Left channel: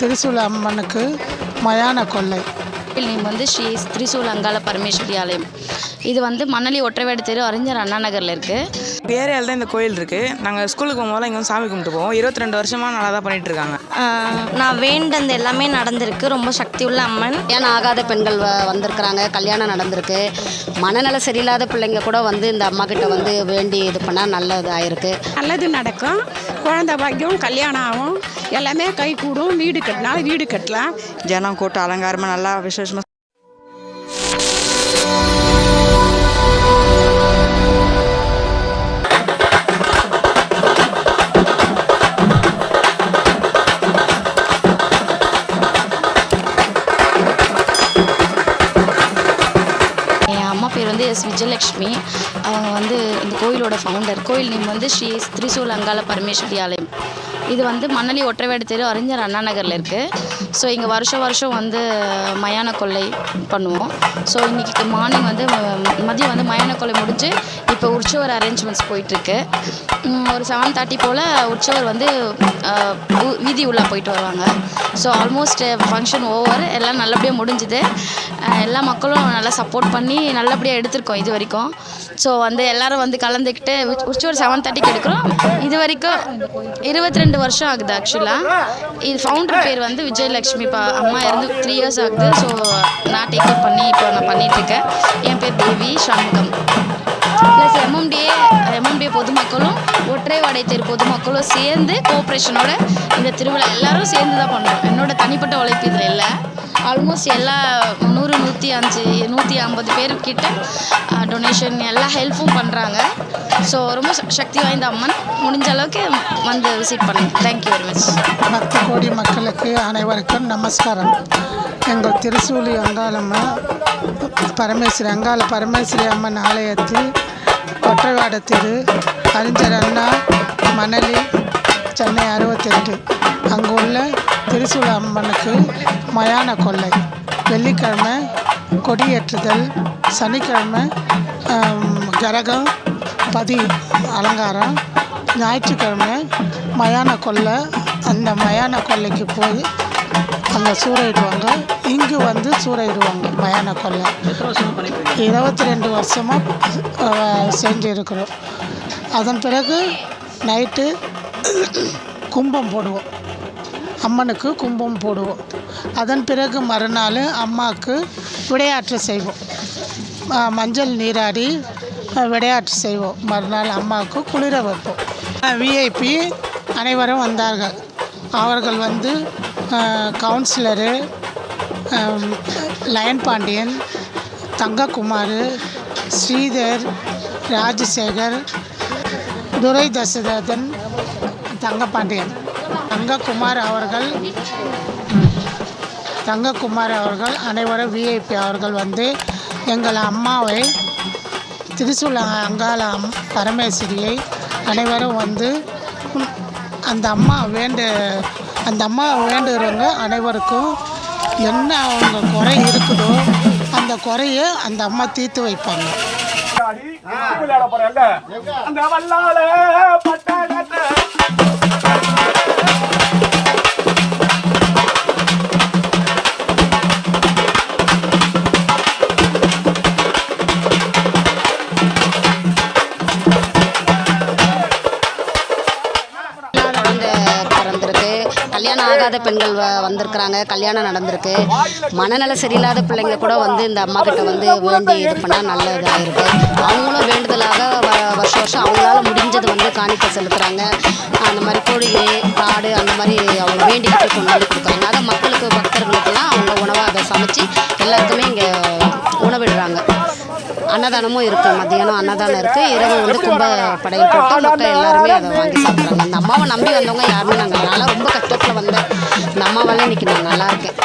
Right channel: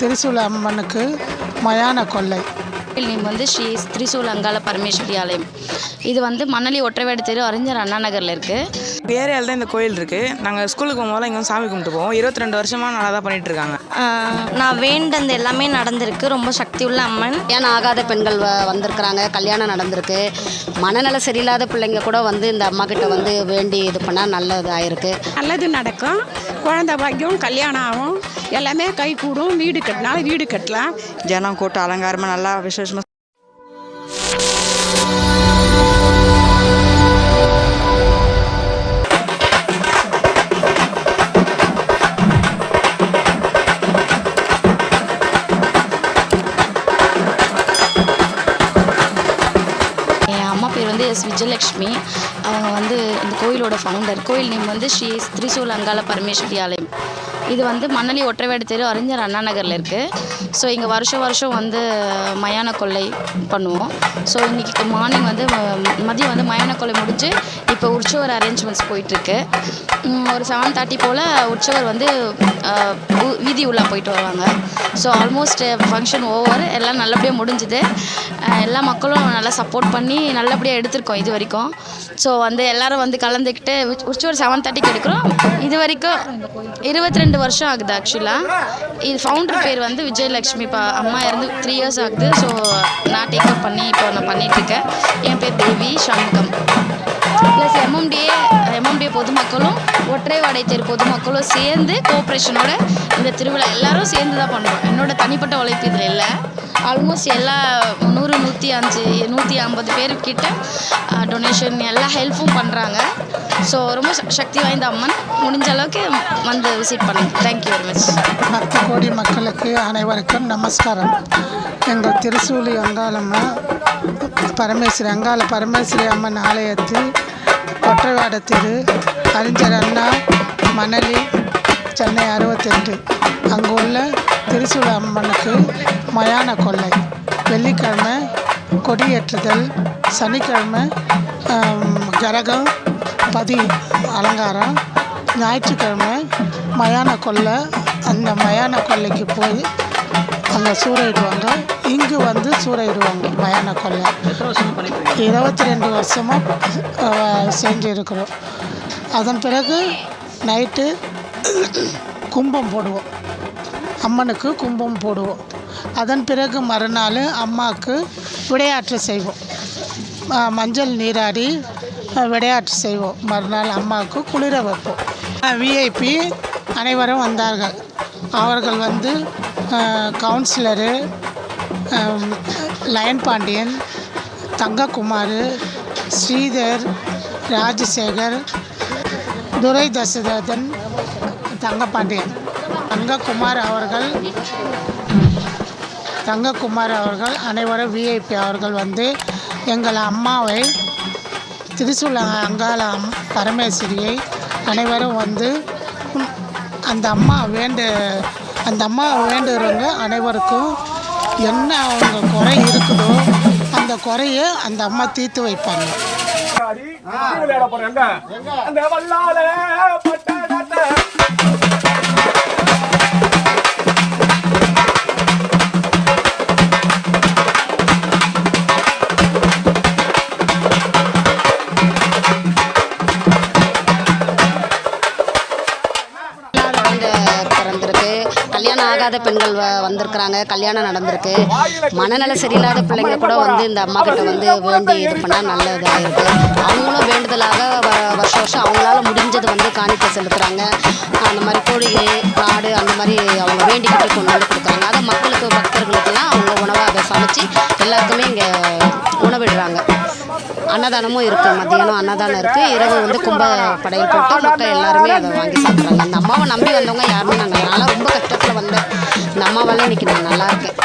திரிசூல அம்மனுக்கு மயான கொள்ளை. நேம் வந்து ஸ்ரீ திரிசூல அங்காள பரமேஸ்வரி ஆலயம். இது வந்து மணலி ஒற்றைவேடு தெரு அறிஞர் அண்ணா நகரில் இருக்குது. ஏரியாவில் தான் இந்த கோயில் இருக்குது. நாங்கள் ஸ்கூலுக்கு போகும்போது இங்கே வந்து சாமி கும்பிட்டு போவோம். 22 வருஷமாக நல்லா தான் பண்ணிகிட்டு இருக்காங்க. நான் வேண்டது எல்லாமே நடந்திருக்கு. ரொம்ப சக்தி உள்ள அம்மன். கல்யாணம் ஆகாத பெண்கள் வந்திருக்கிறாங்க, கல்யாணம் நடந்திருக்கு. மனநல சரியில்லாத பிள்ளைங்க கூட வந்து இந்த அம்மா கிட்ட வந்து வேண்டி இது பண்ணால் நல்லதாயிருக்கு. நல்லது நடக்கும், குழந்தை பாக்கியம், கல்யாணம் ஆகும், எல்லாமே கை கூடும். வீடு கட்டினாலும் வீடு கட்டலாம். ஜனம் கூட்டம் அலங்காரமாக நல்லா விசேஷமாக. என் அம்மா பேர் வந்து எஸ் விஜயலக்ஷ்மி. அவங்க வந்து இந்த கோயிலோட ஃபவுண்டர். கோயில் நேம் வந்து ஸ்ரீ திரிசூல அங்காள பரமேஸ்வரி ஆலயம். இது வந்து மணலி ஒற்றைவேடு தெரு அறிஞர் அண்ணா நகரில் இருக்குது. ஸோ இங்கே வருஷம் வந்து மயான கொள்ளை பண்ணுவோம். ஸோ இன்றைக்கி மார்னிங் வந்து மதியம் வந்து மயான கொள்ளை முடிஞ்சு இப்போ உற்சவர் அரேஞ்ச்மெண்ட்ஸ் போயிட்டுருக்கு. ஒரு 7:30 போல் உற்சவர் வந்து வீதி உள்ளே போயிட்டு வருவாங்க. ஸோ ஆல்மோஸ்ட் ஃபங்க்ஷன் ஓவர், எல்லாம் நல்லபடியாக முடிஞ்சுது. எல்லா மக்களும் நல்லா சப்போர்ட் பண்ணி நல்லபடியாக எடுத்திருக்கோம் இது வரைக்கும். ஸோ வந்து எல்லோரும் வந்து கலந்துக்கிட்டு உற்சவர் 7:30க்கு எடுக்கிறோம். இது வரைக்கும் 22 வருஷம் ஆகுது. ஆக்சுவலாக இது ஃபவுண்டர் பேர் வந்து விஜயலக்ஷ்மி. இப்போ அம்மா இருந்து 3 இயர்ஸ் ஆகுது. ஸோ நான் டேக் அவுட் பண்ணி இப்போ நான் பண்ணிகிட்ருக்கேன். என் பேர் தேவி சண்முகம். ப்ளஸ் எம்எம்டிஏ பொதுமக்களும் ஒற்றைவாடை தெரு பொதுமக்களும் சேர்ந்து கோஆப்ரேஷனோட இந்த திருவிழா எல்லோரும் சேர்ந்து தான் பண்ணுறோம். என்னோட தனிப்பட்ட உழைப்பு இதில் இல்லை. ஆல்மோஸ்ட் எல்லா 100-150 பேர்கிட்ட டொனேஷன் எல்லா ஹெல்ப்பும் பண்ணுறாங்க. ஸோ ரொம்ப சக்தி வாய்ந்த அம்மன். முடிஞ்ச அளவுக்கு வந்து விசிட் பண்ணுங்க. Thank you very much. பக்த கோடி மக்களுக்கு அனைவருக்கும் நமஸ்காரம். எங்கள் திருசூலி அங்காளம்மா அங்காள பரமேஸ்வரி அம்மன் ஆலயத்தில் ஒற்றைவாட தெரு அறிஞர் அண்ணா மணலி சென்னை 68 அங்கு உள்ள திரிசூல அம்மனுக்கு மயான கொள்ளை. வெள்ளிக்கிழமை கொடியேற்றுதல், சனிக்கிழமை கரகம் பதி அலங்காரம், ஞாயிற்றுக்கிழமை மயான கொள்ளை. அந்த மயான கொள்ளைக்கு போய் அங்கே சூறையிடுவாங்க. இங்கு வந்து சூறையிடுவாங்க மயான கொள்ளை. 22 வருஷமாக செஞ்சுருக்கிறோம். அதன் பிறகு நைட்டு கும்பம் போடுவோம், அம்மனுக்கு கும்பம் போடுவோம். அதன் பிறகு மறுநாள் அம்மாவுக்கு விளையாட்டு செய்வோம். மஞ்சள் நீராடி விளையாட்டு செய்வோம். மறுநாள் அம்மாவுக்கு குளிர வைப்போம். விஐபி அனைவரும் வந்தார்கள். அவர்கள் வந்து கவுன்சிலரு லயன் பாண்டியன், தங்கக்குமார், ஸ்ரீதர், ராஜசேகர், துரை தசரதன், தங்கப்பாண்டியன், தங்கக்குமார் அவர்கள் அனைவரும் விஐபி அவர்கள் வந்து எங்கள் அம்மாவை திரிசூல அங்காள பரமேஸ்வரியை அனைவரும் வந்து அந்த அம்மா வேண்டுகிறவங்க அனைவருக்கும் என்ன அவங்க குறை இருக்குதோ அந்த குறையை அந்த அம்மா தீர்த்து வைப்பாங்க. பிறந்திருக்கு. கல்யாணம் ஆகாத பெண்கள் வந்திருக்கிறாங்க, கல்யாணம் நடந்திருக்கு. மனநல சரியில்லாத பிள்ளைங்க கூட வந்து இந்த அம்மா கிட்ட வந்து வேண்டி இது பண்ணால் நல்லதாயிருக்கு. அவங்களும் வேண்டுதலாக வருஷம் அவங்களால முடிஞ்சது வந்து காணிக்கை செலுத்துகிறாங்க. அந்த மாதிரி கோழி காடு அந்த மாதிரி அவங்க வேண்டிக்கிட்டு கொண்டு வந்து கொடுக்குறாங்க. அதை மக்களுக்கு பக்தர்களுக்கெல்லாம் அவங்க உணவை அதை சமைச்சு எல்லாருக்குமே இங்கே உணவிடுறாங்க. அன்னதானமும் இருக்குது. மத்தியானம் அன்னதானம் இருக்குது. இரவு வந்து கும்ப படையல் போட்டு மக்கள் எல்லாருமே அதை வாங்கி சாப்பிட்றாங்க. அந்த அம்மாவை நம்பி வந்தவங்க யாருமே நாங்கள் ரொம்ப கஷ்டத்தில் வந்தேன். இந்த அம்மாவால் இன்றைக்கி நான் நல்லா இருக்கேன்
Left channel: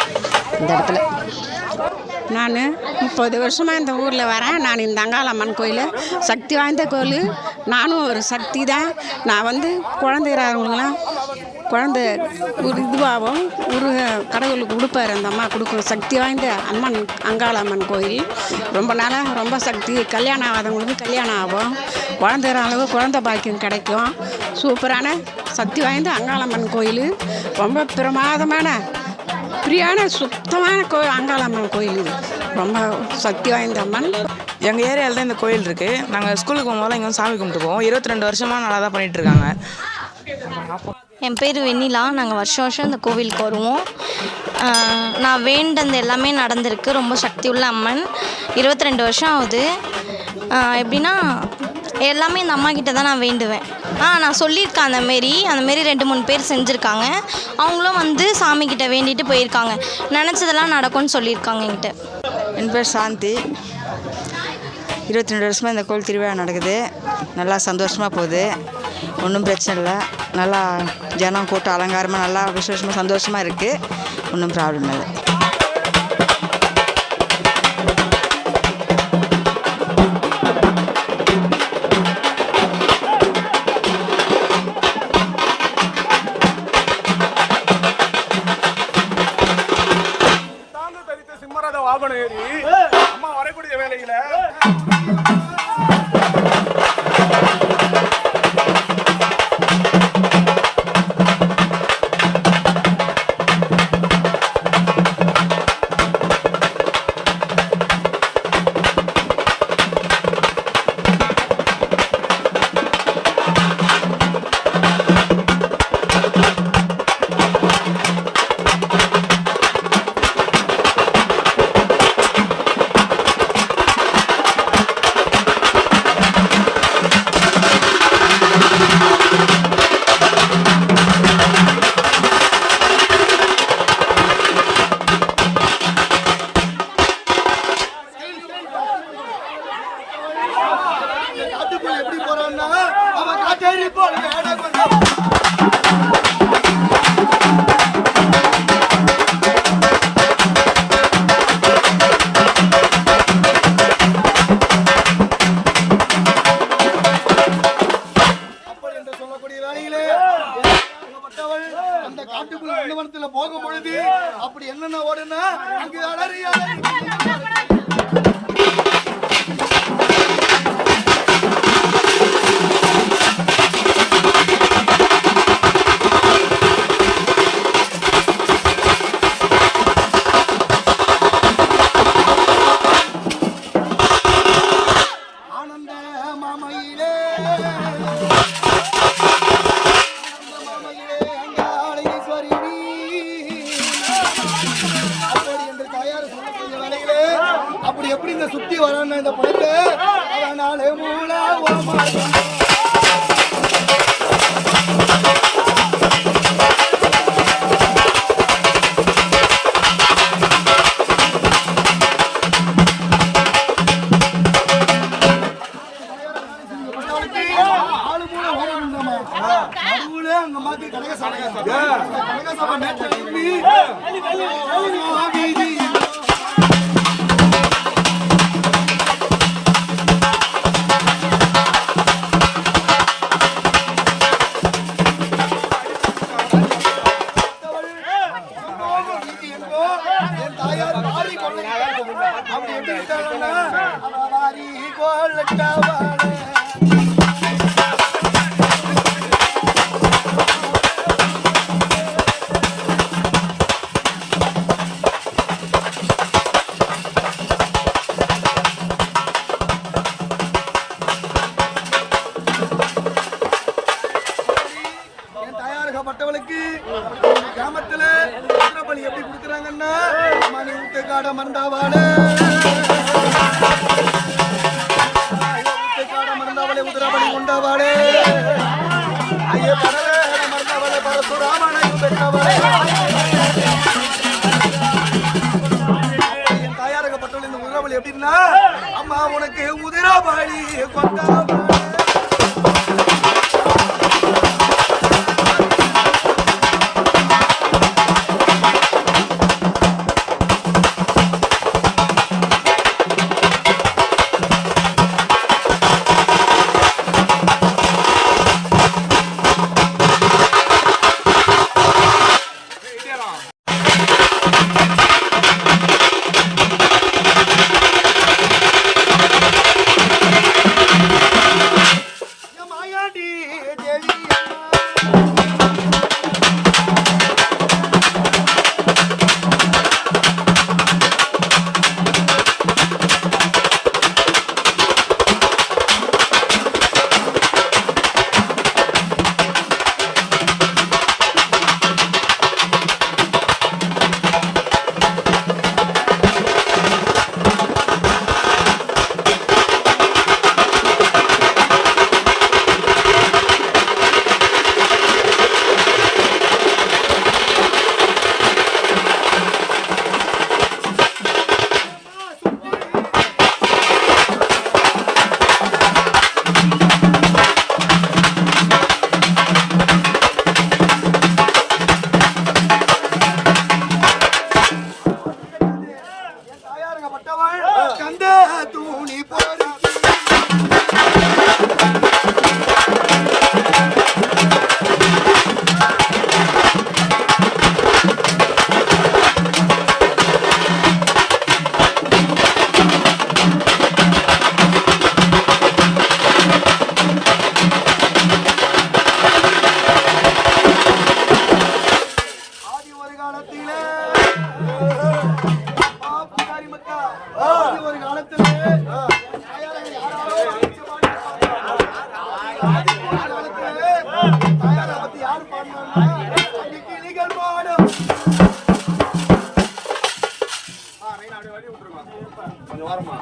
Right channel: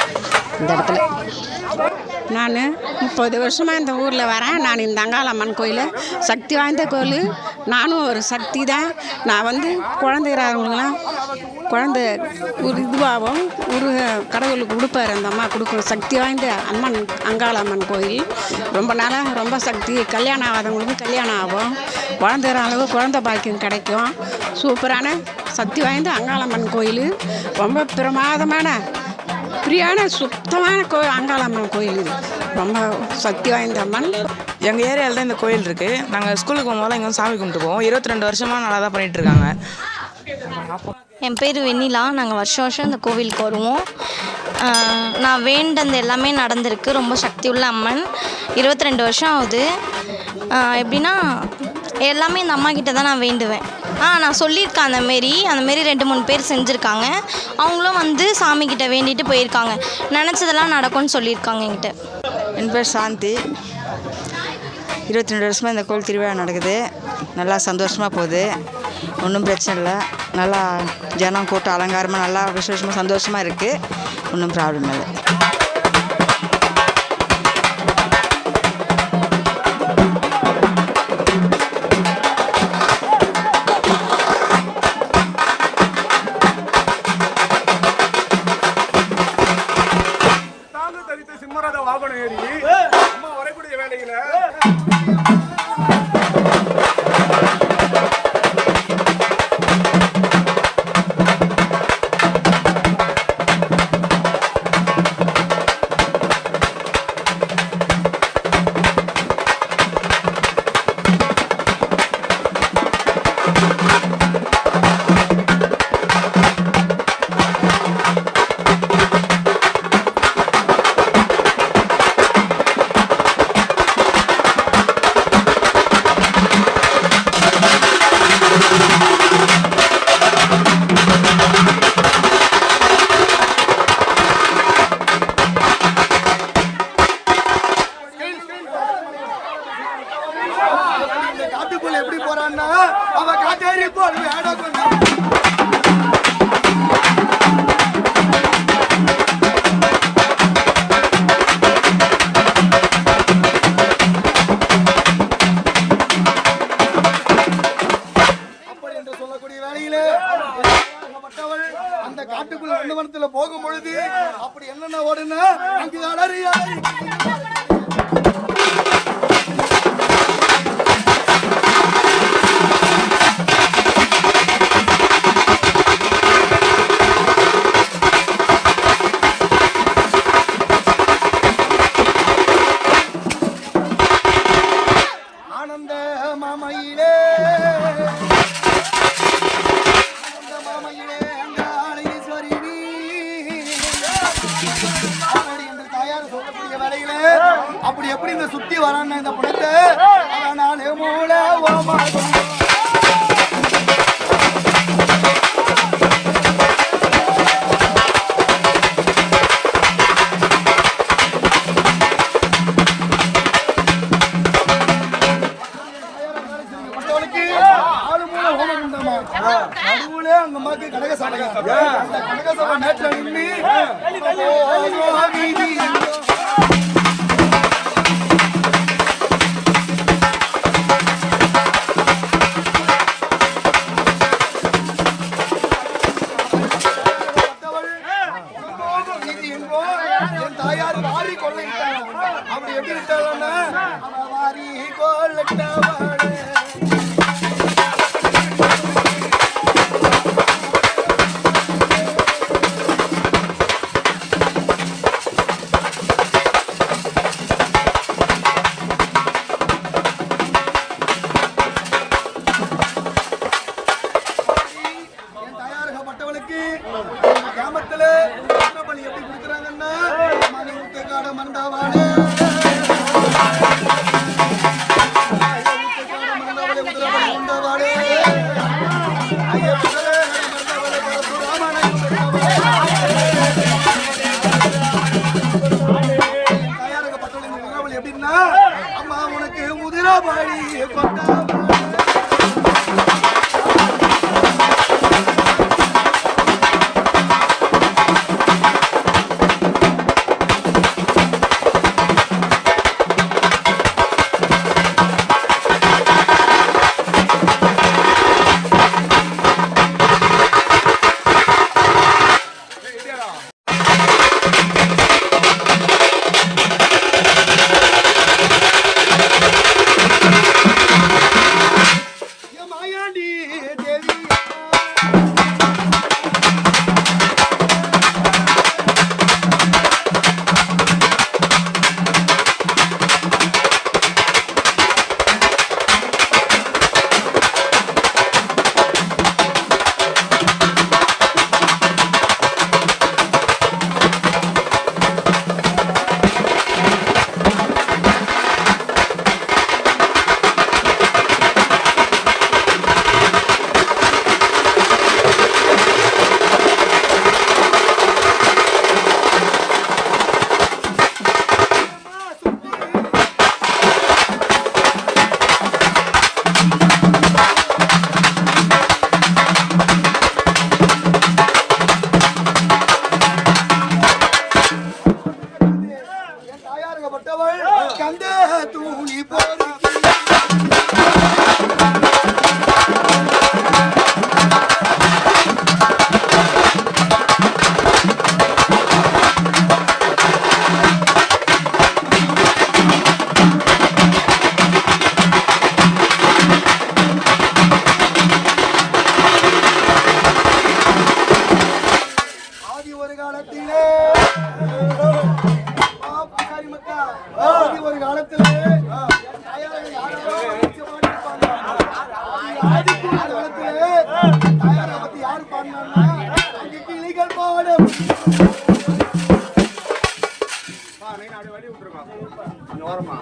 இந்த இடத்துல. நான் 30 வருஷமாக இந்த ஊரில் வரேன். நான் இந்த அங்காளம்மன் கோயில் சக்தி வாய்ந்த கோயில். நானும் ஒரு சக்தி தான். நான் வந்து குழந்தைகிறவங்களுக்கெல்லாம் குழந்த ஒரு இதுவாகவும் ஒரு கடவுளுக்கு கொடுப்பார். அந்த அம்மா கொடுக்கும் சக்தி வாய்ந்த அம்மன் அங்காளம்மன் கோயில். ரொம்ப நாளாக ரொம்ப சக்தி. கல்யாணம் ஆகாதவங்களுக்கு கல்யாணம் ஆகும். குழந்தைற அளவு குழந்தை பாக்கியம் கிடைக்கும். சூப்பரான சக்தி வாய்ந்த அங்காளம்மன் கோயில். ரொம்ப பிரமாதமான பிரியான சுத்தமான அங்காளம்மன் கோயில். இது ரொம்ப சக்தி வாய்ந்த அம்மன். எங்கள் ஏரியாவில் தான் இந்த கோயில் இருக்குது. நாங்கள் ஸ்கூலுக்கு போகும்போது இங்கே வந்து சாமி கும்பிட்டு போவோம். 22 வருஷமாக நல்லா தான் பண்ணிகிட்ருக்காங்க. என் பேர் வெண்ணிலா. நாங்கள் வருஷம் வருஷம் இந்த கோவிலுக்கு வருவோம். நான் வேண்டது எல்லாமே நடந்திருக்கு. ரொம்ப சக்தி உள்ள அம்மன். 22 வருஷம் ஆகுது. எப்படின்னா எல்லாமே இந்த அம்மா கிட்ட தான் நான் வேண்டுவேன். நான் சொல்லியிருக்கேன் அந்தமாரி 2-3 பேர் செஞ்சுருக்காங்க. அவங்களும் வந்து சாமிக்கிட்ட வேண்டிட்டு போயிருக்காங்க. நினச்சதெல்லாம் நடக்கும்னு சொல்லியிருக்காங்க என்கிட்ட. என் பேர் சாந்தி. 22 வருஷமாக இந்த கோவில் திருவிழா நடக்குது. நல்லா சந்தோஷமாக போகுது. ஒன்றும் பிரச்சனை இல்லை. நல்லா ஜனம் கூட்டம் அலங்காரமாக நல்லா விசேஷமாக சந்தோஷமாக இருக்குது. ஒன்றும் ப்ராப்ளம் இல்லை. அம்மா உனக்கு உதிராபாடி கொண்டாபாடி என் மாயாண்டி தேவி தாயாரங்கப்பட்டவள் கந்த தூணி போருக்கு ஆதி ஒரு காலத்திலே புகாரி மக்கா ஆதி ஒரு காலத்திலே தாயாரை யாராரோ வச்சு பாடியிருப்பாங்க. ஆதிக்கு ஒரு காலத்திலே தாயாரை பத்தி யாரு பாடினாங்கன்னா அந்த கிளிகள் பாடும். கொஞ்சம் ஓரமா